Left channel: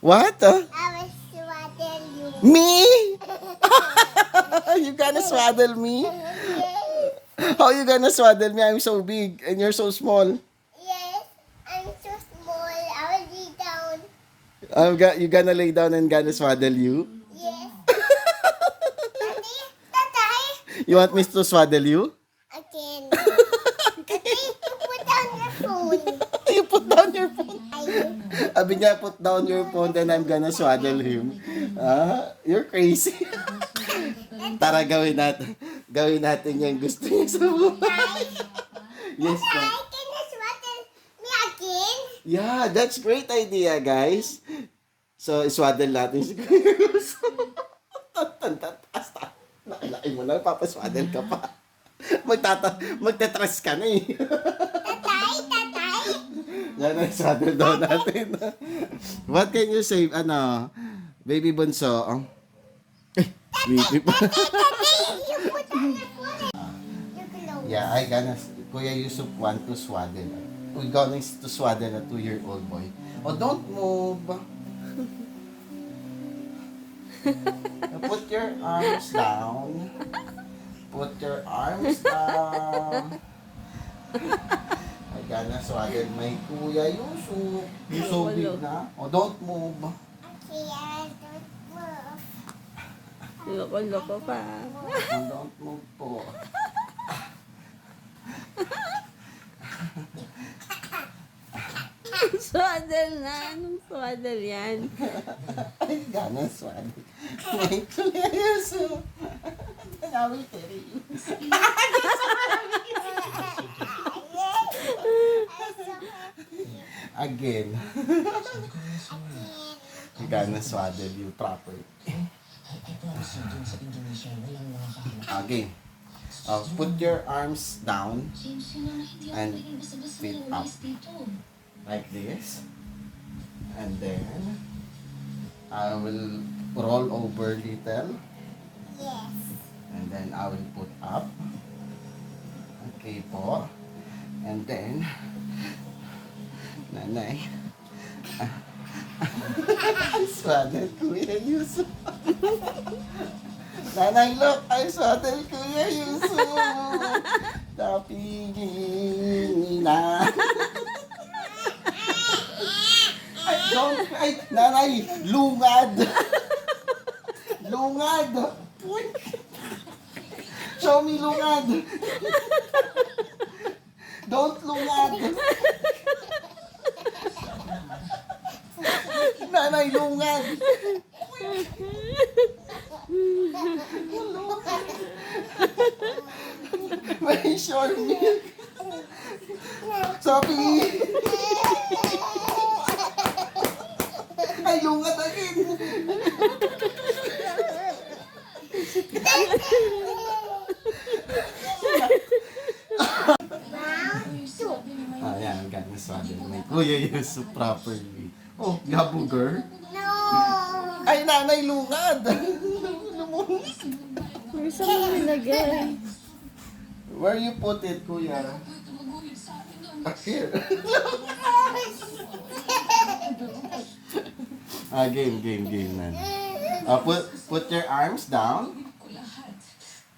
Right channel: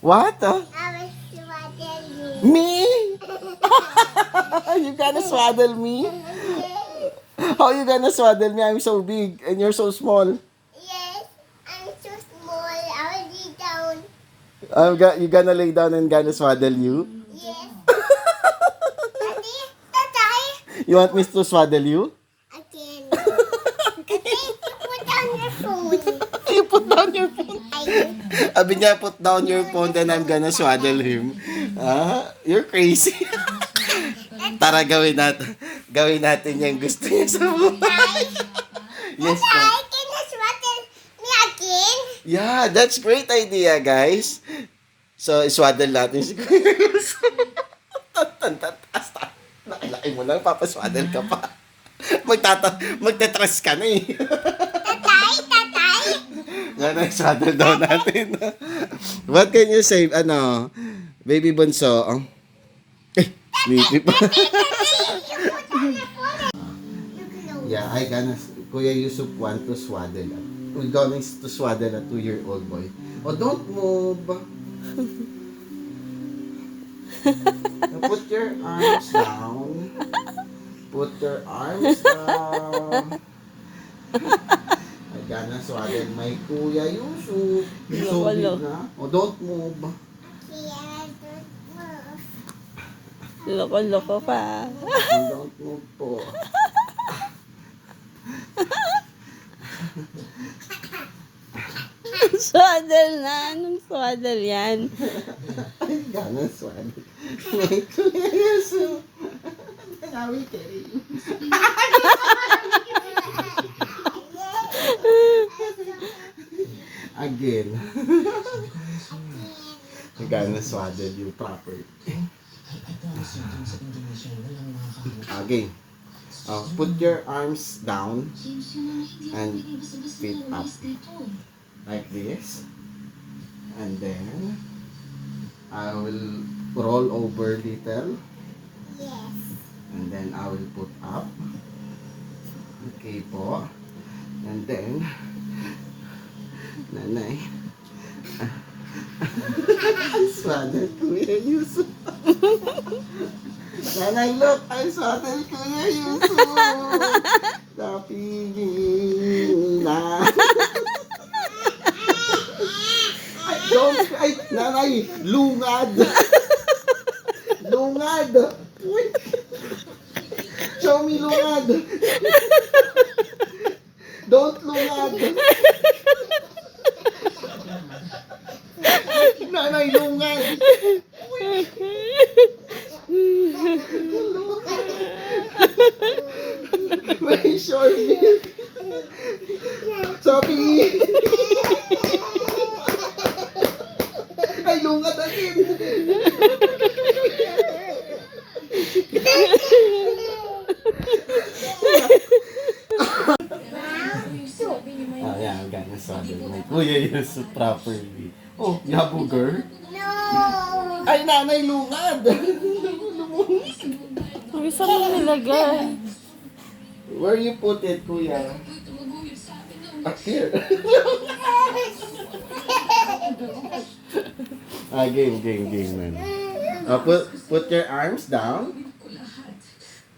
What? I was swaddle you. Me? You gonna swaddle me? How you gonna swaddle me? I'm so big and you're so small. Yes, I'm so small. I will be down. You gonna lay down and gonna swaddle you? Yes. Daddy, Tatay. You want me to swaddle you? Again. Tatay, put down your phone. You put down your phone. I Sabi niya, put down your phone, then I'm gonna swaddle him. Ah, you're crazy. Tara, gawin natin. Gawin natin yung gusto niya sa buhay. Yes, Tatay, po. can you swaddle me again? Yeah, that's great idea, guys. So, swaddle natin si Kuya Yuso. Taas. Nakilaki mo lang, papaswaddle ka pa. Magtatrust ka na eh. Tatay, Tatay. Yan ang swaddle daw natin. What can you say, baby bunso? Sleepy pa. Tatay, you put down your phone. You close. Yeah, Kuya Yusuf want to swaddle. We're going to swaddle a 2-year-old boy. Oh, don't move. Put your arms down. Put your arms down. I'm gonna swaddle my Kuya Yusuf. So big na. Oh, don't move. Okay, I don't move. Loko-loko pa. Don't move po. Swaddle na. Anong swaddle yan? I'm gonna swaddle my Kuya Yusuf. I will carry you. Again. I'm gonna swaddle you properly. Again. Put your arms down and feet up. Like this. And then I will roll over little. Yes. And then I will put up. Okay po. And then, nanay. I swaddle Kuya Yusuf. Nanay, look! I swaddle Kuya Yusuf. Napigil na. Don't cry! Nanay, lungad! Lungad! Uy. Show me lungad! Don't lungad! Nanay, lungad! May short milk! Sabi! Ay, lungad again! Yeah, I'm gonna swaddle my Kuya Yusuf properly. Oh, yabuger? No. Ay, nanay, lungad! Uy, saan mo nilagay? Where you put it, Kuya? Up here. Game, man. Put your arms down.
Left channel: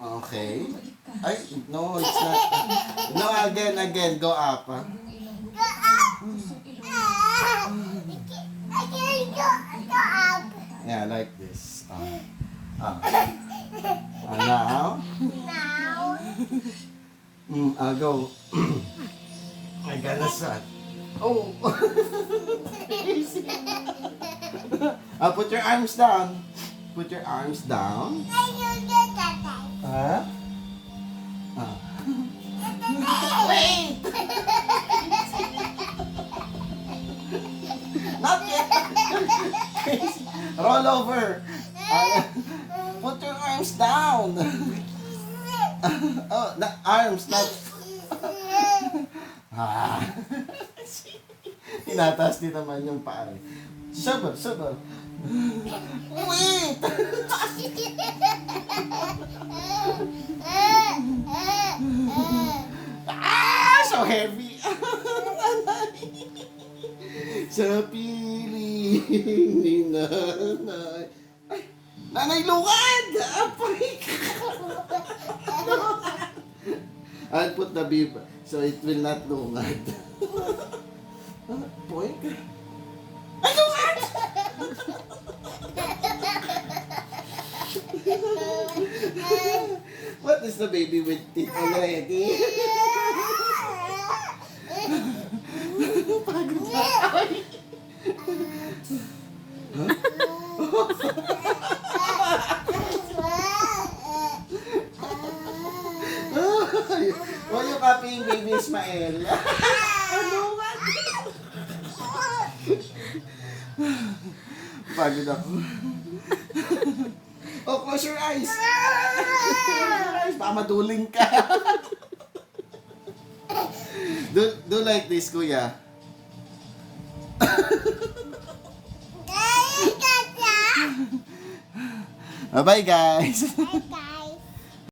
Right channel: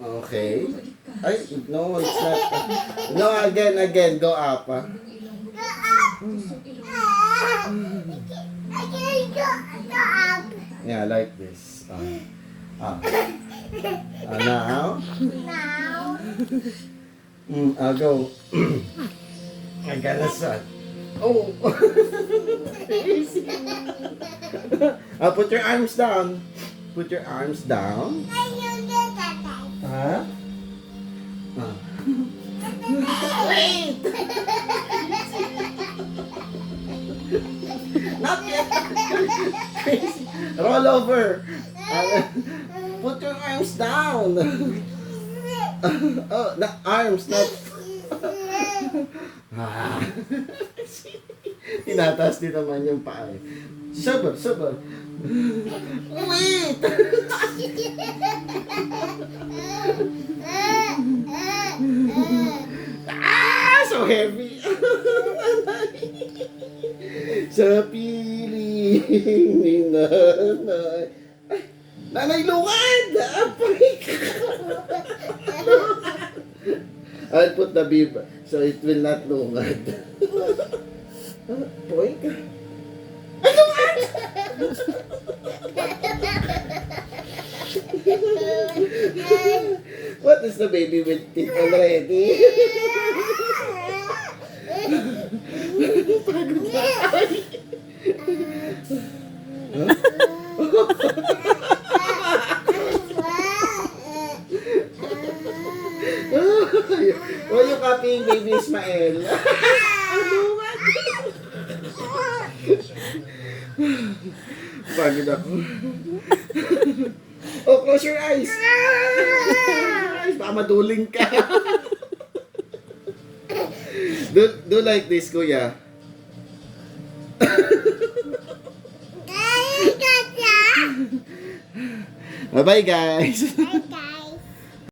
Okay. Ay, no, it's not. No, again, go up. Go up. I can't go up. Yeah, like this. Now. Now. I'll go. I gotta start. Oh. Put your arms down. Put your arms down. I you do that. Huh? Wait! Not yet. Roll over. Put your arms down. Oh, the arms, not. Tinataas din naman yung paa. Sabab. Wait! So heavy. Sa piling Gising ni nanay. Ay, nanay, lungad! Apay ka! I'll put the bib so it will not lungad. Poy ka. Ay, lungad! What is the baby with teeth already? Pagod na. Ay. Why you copying baby Ismael? Ano ba? Pagod ako. Oh, close your eyes. Baka maduling ka. Do like this, kuya. Bye-bye, guys. Bye, guys.